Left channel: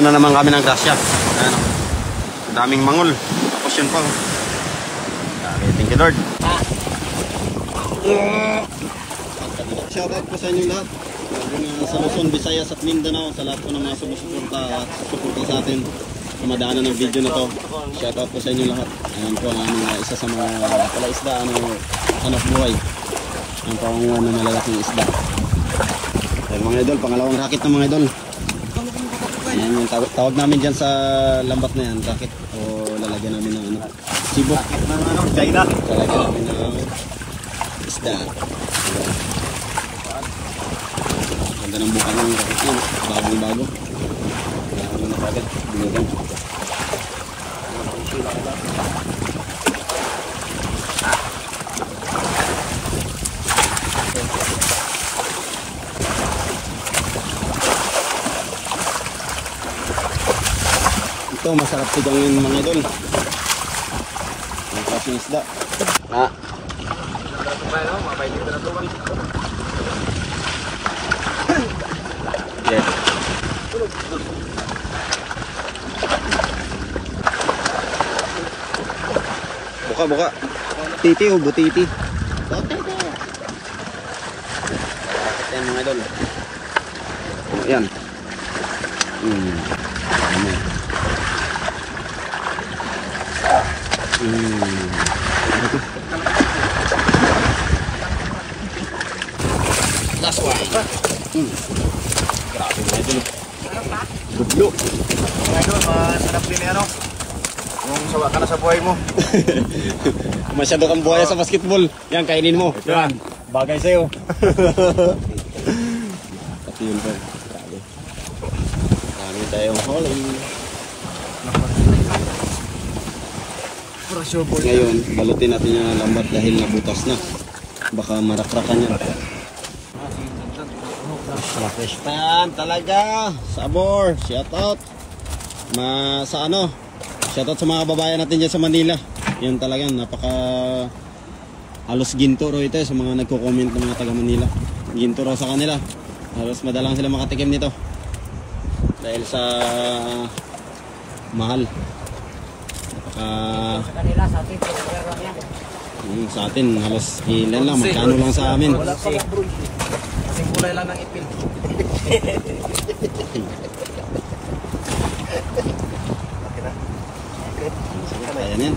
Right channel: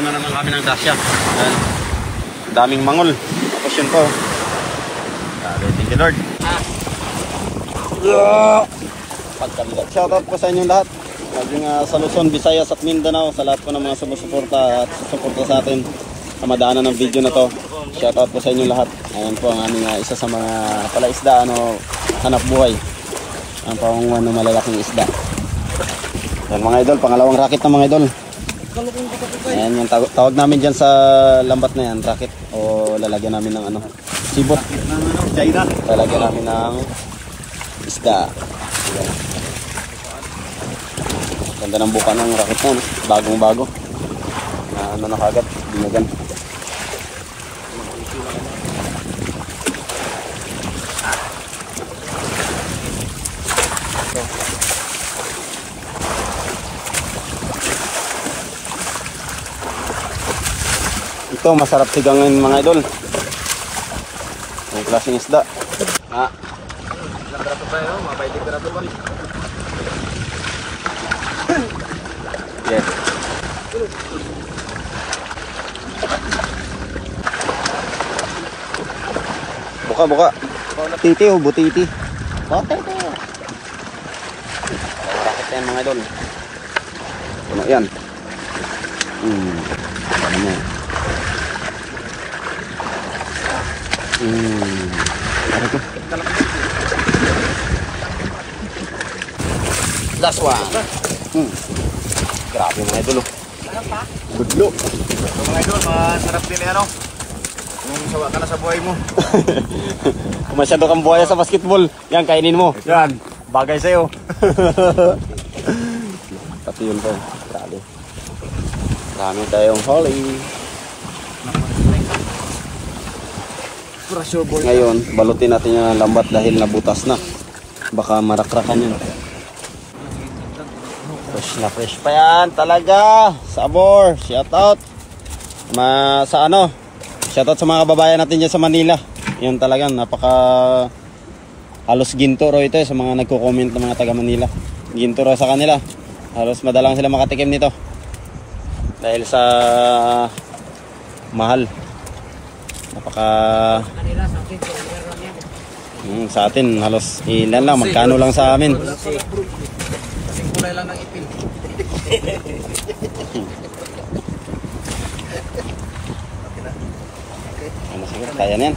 Ano naman kami ng grasya. Ayan, daming mangol. Tapos yun po. Thank you Lord. Yeah. Shoutout po sa inyong lahat. Maging sa Luzon, Visayas at Mindanao. Sa lahat po ng mga sumusuporta at susuporta sa atin sa madaanan ng video na to. Shoutout po sa inyong lahat. Ayan po ang aming isa sa mga palaisda, hanap buhay. Ang pangunguhan ng malalaking isda. Ayan mga idol, pangalawang racket ng mga idol. Ayan yung tawag namin dyan sa lambat na yan, racket. O lalagyan namin ng sibot. Lalagyan namin ng isda. Ayan. Ganda ng buka ng racket na, bagong bago. Na kagad, binyagan. Ito masarap tigangin mga idol. Ang klaseng isda. Yes. Buka. Titi o butiti. Titi. Racket yan mga idol. Ano yan? Ano? Last one. Grabe mga idol. Budlo. Mga idol, masarap din kung sawa ka na sa buhay mo. Kung masyado kang buhaya sa basketball, yan kainin mo. Yan, bagay sa'yo. Pati yun po. Grabe. Marami tayong huli. Ngayon, balutin natin yung lambat dahil nabutas na. Baka marakrakan yan. Fresh na fresh pa yan talaga. Sabor, shoutout. Shoutout sa mga kababayan natin dyan sa Manila. Yan talagang napaka halos ginto ro ito sa mga nagko-comment ng mga taga Manila. Ginto ro sa kanila. Halos madalang sila makatikim nito. Dahil sa mahal. Napaka sa atin halos ilan lang, magkano lang sa amin. Kulay lang ng ipil. Ano siguro, kaya na yan.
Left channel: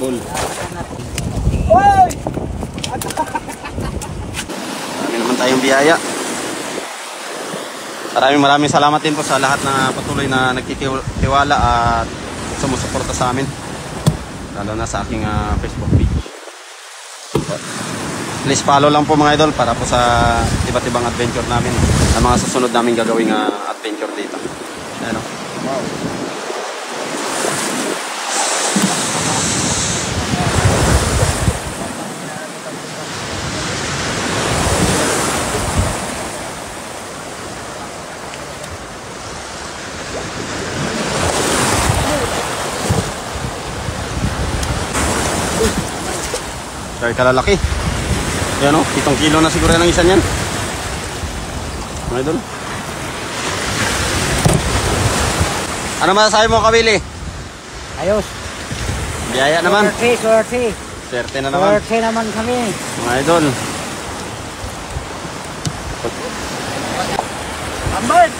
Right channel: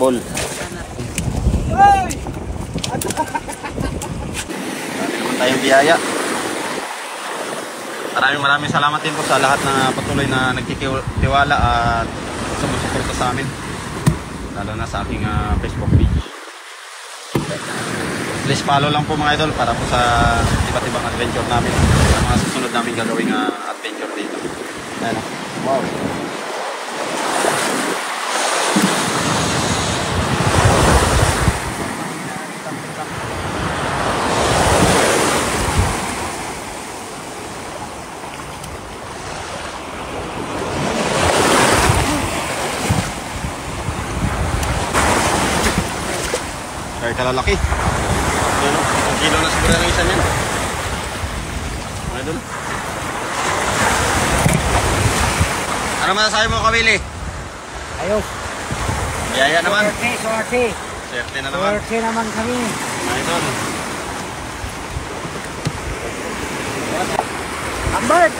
Ball. Marami naman tayong biyaya. Maraming salamat din po sa lahat na patuloy na nagtitiwala at sumusuporta sa amin. Lalo na sa aking Facebook page. Please follow lang po mga idol para po sa iba't ibang adventure namin, sa mga susunod namin gagawing adventure dito. Ayan o. Wow. Kaya kalalaki. Yan o, 7 kilo na siguro ng isa niyan. Ano doon? Ano masasabi mo, Kawili? Ayos. Biyaya naman. Swerte. Swerte na naman. Swerte naman kami. Idol. Ambert!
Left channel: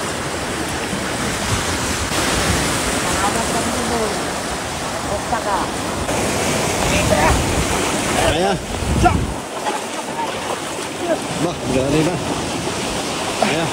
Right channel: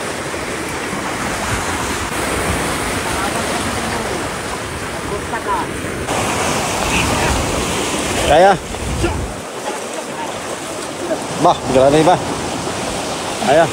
Bukta ka. Kaya? Bah, grabe ba? Kaya?